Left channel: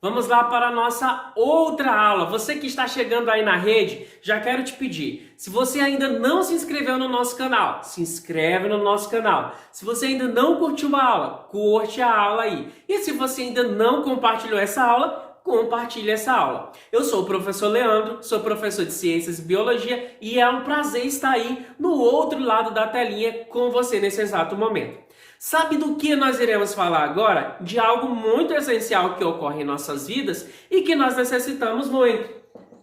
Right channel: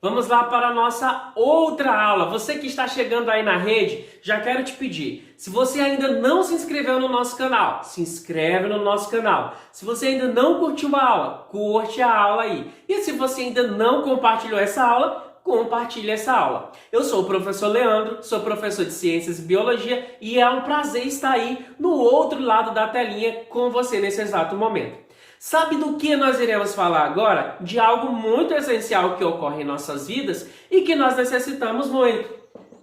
Vamos lá para a nossa outra aula. Você que está chegando aí na rede, já quero te pedir, se você ainda não se inscreveu no nosso canal, se inscreve no nosso canal. Se você ainda não curtiu a aula, curte a aula aí. E se você ainda não compartilhou essa aula, compartilhe essa aula. Eu sou o professor Leandro, sou professor de Ciências e Biologia e é um prazer estar aí no outro lado da telinha com você nesse exato momento. Sabe do que nós iremos falar agora? De algo muito essencial que ocorre em nossas vidas e que nós necessitamos muito.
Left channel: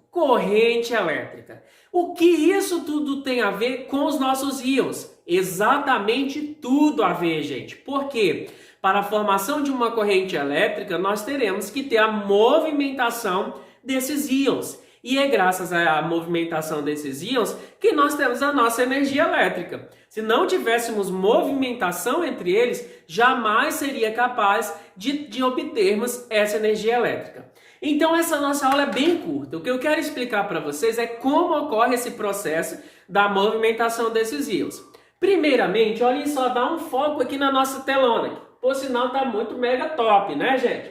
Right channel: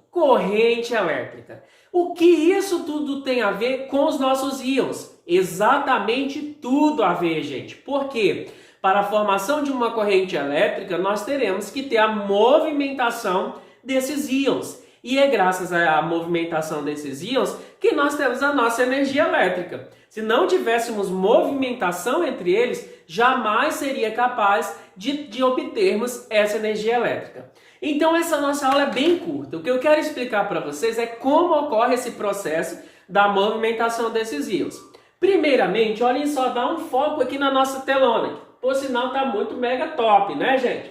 Corrente elétrica. O que isso tudo tem a ver com os nossos íons? Exatamente tudo a ver, gente. Por quê? Para a formação de uma corrente elétrica, nós teremos que ter a movimentação desses íons. E é graças à movimentação desses íons que nós temos a nossa energia elétrica. Se não tivéssemos movimentação entre eles, jamais seria capaz de obtermos essa energia elétrica. Então essa nossa aula é bem curta. O que eu quero explicar para vocês é como ocorre esse processo da movimentação desses íons. Primeiramente, olhem só, dá um foco aqui na nossa telona. Por sinal, está muito mega top, né, gente?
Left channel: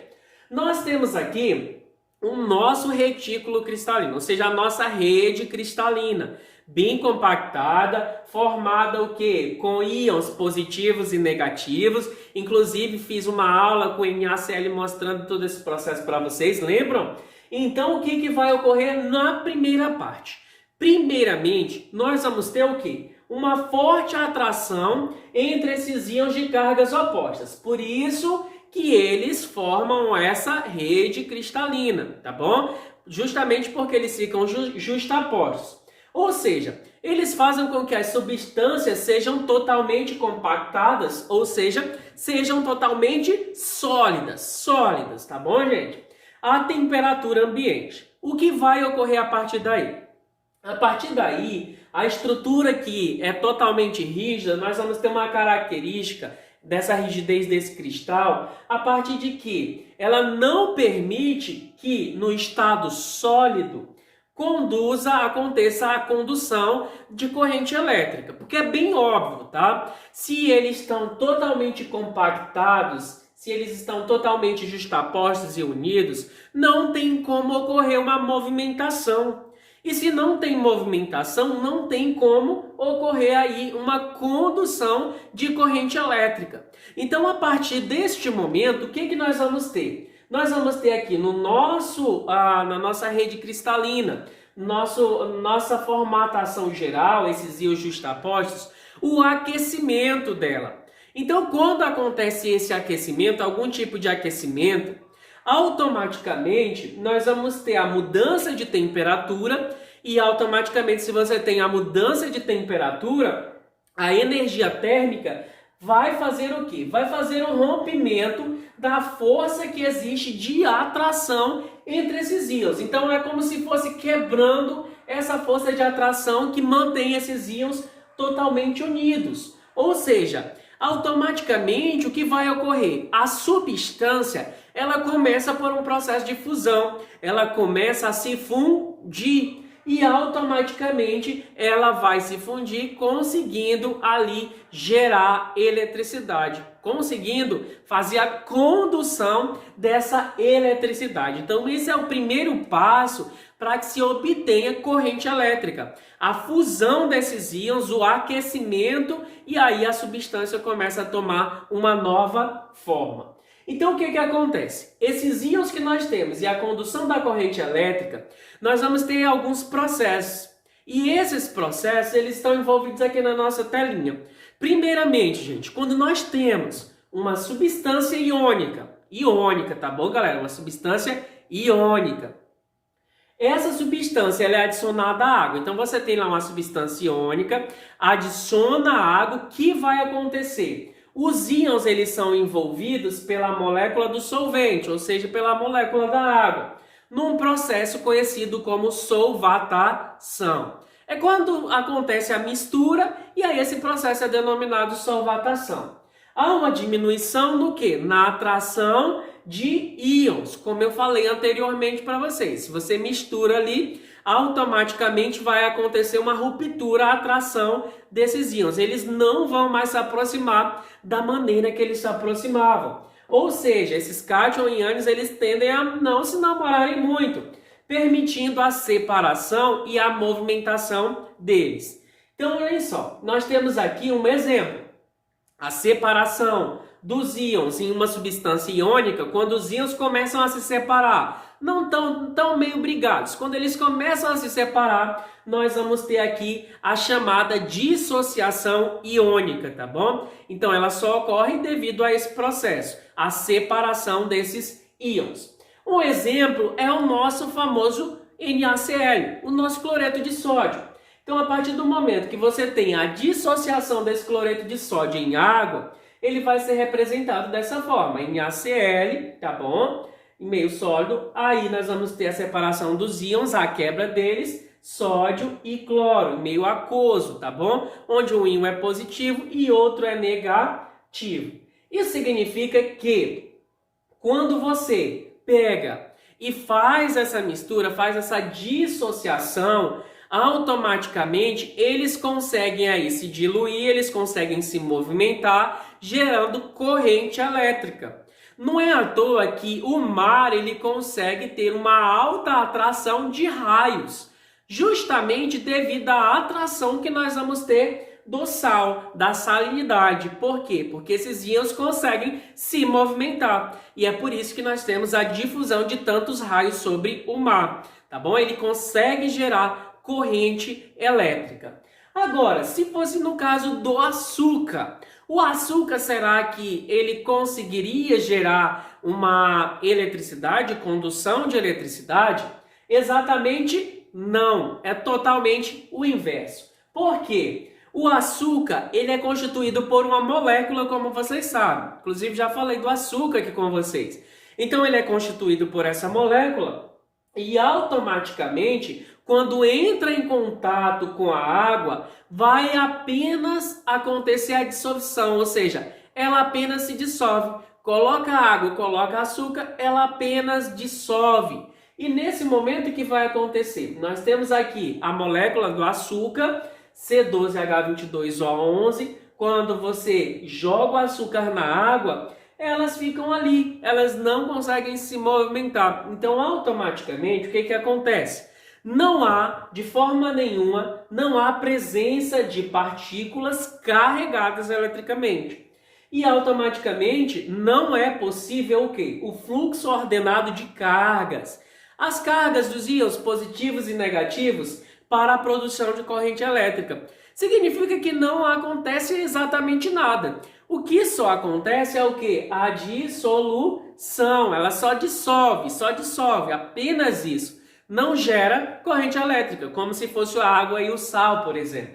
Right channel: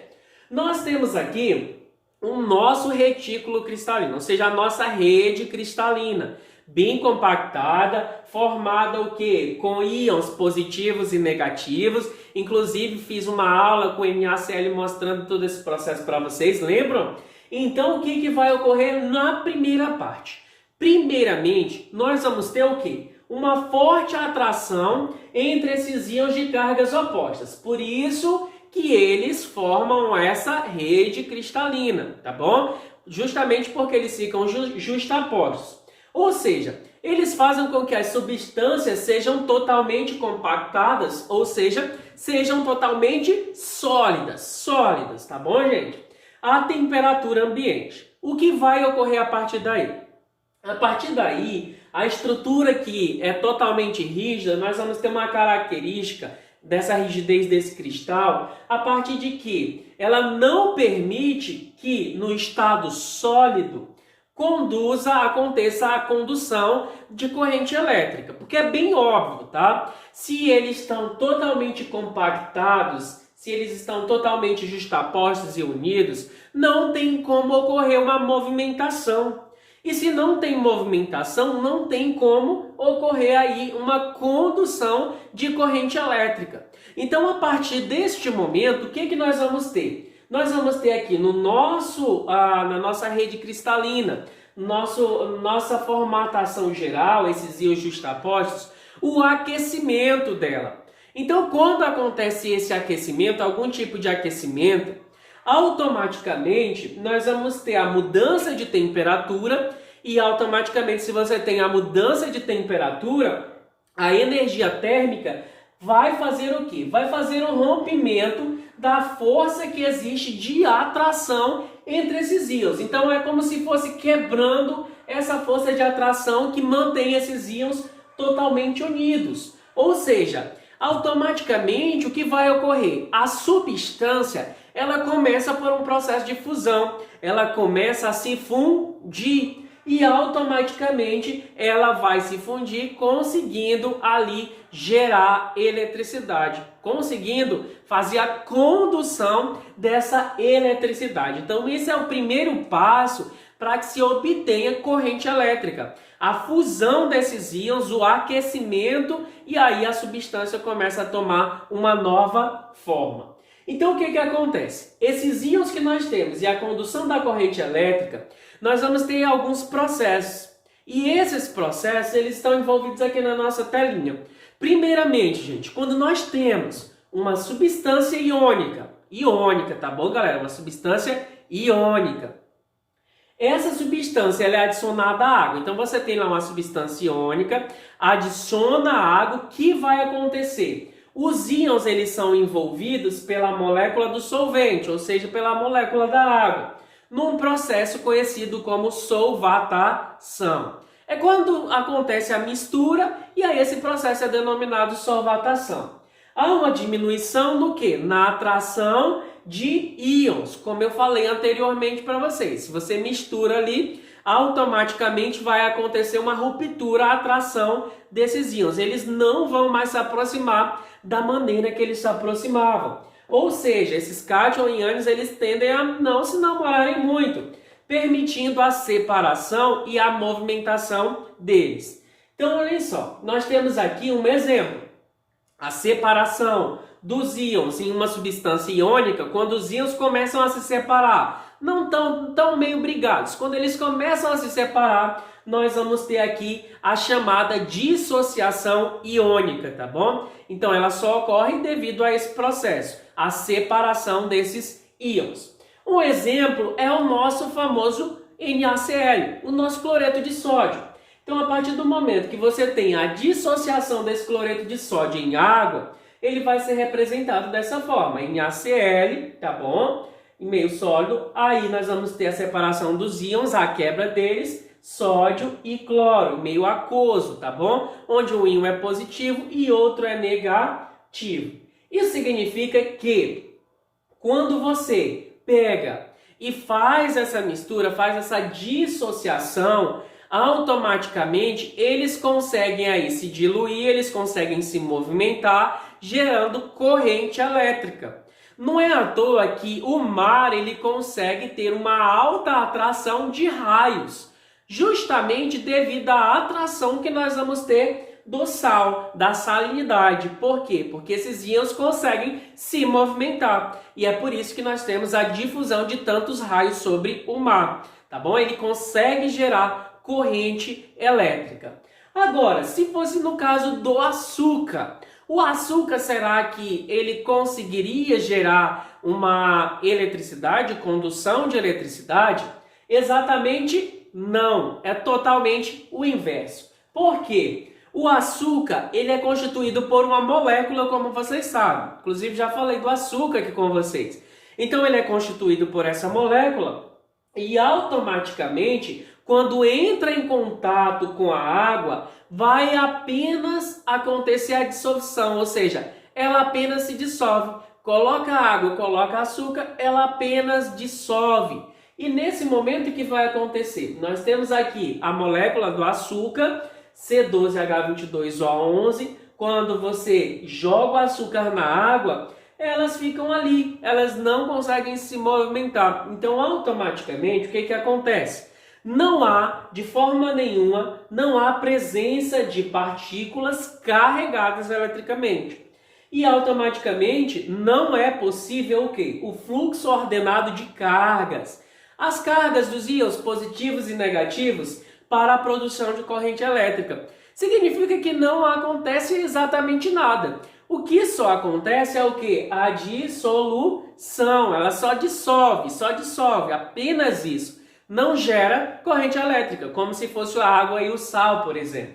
Nós temos aqui o nosso retículo cristalino, ou seja, a nossa rede cristalina, bem compactada, formada o quê? Com íons positivos e negativos. Inclusive, fiz uma aula com o NaCl mostrando todo esse processo para vocês, lembram? Então, o que vai ocorrer na primeira parte? Primeiramente, nós vamos ter o quê? Uma forte atração entre esses íons de cargas opostas. Por isso que eles formam essa rede cristalina, tá bom? Justamente porque eles ficam justapostos. Ou seja, eles fazem com que as substâncias sejam totalmente compactadas, ou seja, sejam totalmente sólidas, tá bom, gente? A temperatura ambiente. O que vai ocorrer a partir daí? A partir daí, a estrutura que é totalmente rígida, nós vamos ter uma característica dessa rigidez desse cristal, a partir de que ela não permite que no estado sólido aconteça a condução de corrente elétrica, porque é bem óbvio, tá? Se eles estão totalmente compactados, se eles estão totalmente justapostos e unidos, não tem como ocorrer uma movimentação. E se não tem movimentação, não tem como ocorrer aí uma condução de corrente elétrica. Então, a partir deste momento, o que nós vamos ter? Nós vamos ter aqui no na nossa rede cristalina, nossa formatação geral, esses íons justapostos, o aquecimento dela. Então, quando acontece esse aquecimento, algum tipo de aquecimento, automaticamente nós vamos ter a mudança de temperatura e automaticamente, se você tem a mudança de temperatura, a energia térmica vai fazer o quê? Vai fazer um rompimento da força que existe de atração entre esses íons. Então é como se fosse quebrando essa força de atração que mantém esses íons totalmente unidos. Ou seja, automaticamente o que vai ocorrer? A substância ela começa por um processo de fusão, ela começa a se fundir e automaticamente ela vai se fundir, conseguindo ali gerar eletricidade, conseguindo fazer a condução dessa eletricidade. Então esse é o primeiro passo para que se obtenha corrente elétrica. A fusão desses íons, o aquecimento, e aí a substância começa a tomar uma nova forma. Então, o que acontece? Esses íons que nós temos e a condução da corrente elétrica, nós vamos ter alguns processos. E esses processos, eles estão envolvidos aqui na nossa telinha. Primeiramente, gente, quando nós temos uma substância iônica, tá bom, galera? Uma substância iônica. Essa substância ela é adicionada à água. Então, você tem lá uma substância iônica, adiciona a água, o que vai acontecer? Os íons eles são envolvidos pela molécula do solvente, ou seja, pela molécula da água, num processo conhecido como solvatação. É quando acontece a mistura e aí esse processo é denominado solvatação. Há uma diminuição no quê? Na atração de íons, como eu falei anteriormente para vocês. Se você mistura ali, automaticamente vai acontecer uma ruptura, a atração desses íons. Eles não vão mais se aproximar da maneira que eles se aproximavam. Ou seja, esses cátion e ânions eles tendem a não se namorarem muito, permitindo a separação e a movimentação deles. Então, olha só, nós temos aqui um exemplo. A separação dos íons em uma substância iônica, quando os íons começam a se separar, não tão meio brigados. Quando eles começam a se separar, nós vamos ter aqui a chamada dissociação iônica, tá bom? Então, ela só ocorre devido a esse processo, a separação desses íons. Um exemplo é o nosso famoso NaCl, o nosso cloreto de sódio. Então, a partir do momento que você tem a dissociação desse cloreto de sódio em água, ele vai ser representado dessa forma, NaCl, tá bom? Em meio sólido, aí nós vamos ter a separação dos íons, a quebra deles, sódio e cloro, em meio aquoso, tá bom? Onde um íon é positivo e outro é negativo. Isso significa que quando você pega e faz essa mistura, faz essa dissociação, automaticamente eles conseguem aí se diluir, eles conseguem se movimentar, gerando corrente elétrica. Não é à toa que o mar ele consegue ter uma alta atração de raios, justamente devido à atração que nós vamos ter do sal, da salinidade. Por quê? Porque esses íons conseguem se movimentar. E é por isso que nós temos a difusão de tantos raios sobre o mar, tá bom? Ele consegue gerar corrente elétrica. Agora, se fosse no caso do açúcar, o açúcar, será que ele conseguiria gerar uma eletricidade, condução de eletricidade? Exatamente não, é totalmente o inverso. Por quê? O açúcar ele é constituído por uma molécula, como vocês sabem. Inclusive, já falei do açúcar aqui com vocês. Então, ele é constituído por essa molécula e automaticamente, quando entra em contato com a água, vai apenas acontecer a dissolução, ou seja, ela apenas se dissolve. Coloca água e coloca açúcar, ela apenas dissolve. E nesse momento o que vai acontecer? Nós temos aqui a molécula do açúcar, C12H22O11. Quando você joga o açúcar na água, elas ficam ali, elas não conseguem se movimentar. Então, automaticamente, o que acontece? Não há, de forma nenhuma, não há presença de partículas carregadas eletricamente. E automaticamente não é possível o quê? O fluxo ordenado de cargas. As cargas dos íons positivos e negativos para a produção de corrente elétrica. Significa que não acontece exatamente nada. O que só acontece é o quê? A dissolução. Ela só dissolve, apenas isso. Não gera corrente elétrica, como se fosse a água e o sal, por exemplo.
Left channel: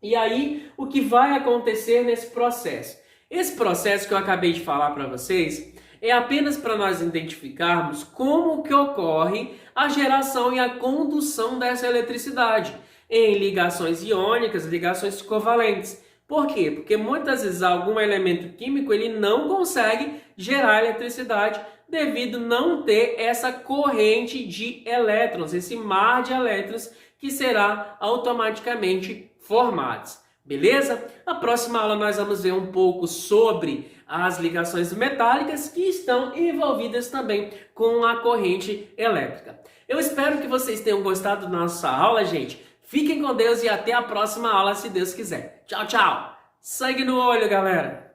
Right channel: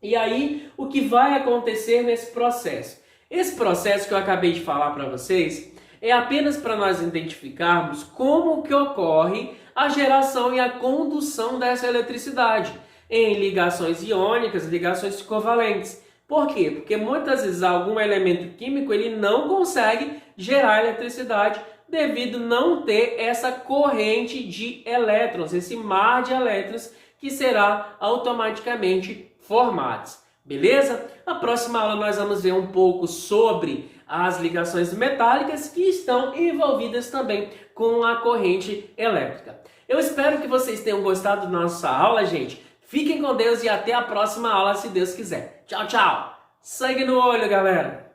E aí, o que vai acontecer nesse processo? Esse processo que eu acabei de falar para vocês é apenas para nós identificarmos como que ocorre a geração e a condução dessa eletricidade em ligações iônicas, ligações covalentes. Por quê? Porque muitas vezes algum elemento químico ele não consegue gerar eletricidade devido não ter essa corrente de elétrons, esse mar de elétrons que será automaticamente formado. Beleza? Na próxima aula nós vamos ver um pouco sobre as ligações metálicas que estão envolvidas também com a corrente elétrica. Eu espero que vocês tenham gostado da nossa aula, gente. Fiquem com Deus e até a próxima aula, se Deus quiser. Tchau, tchau! Sangue no olho, galera!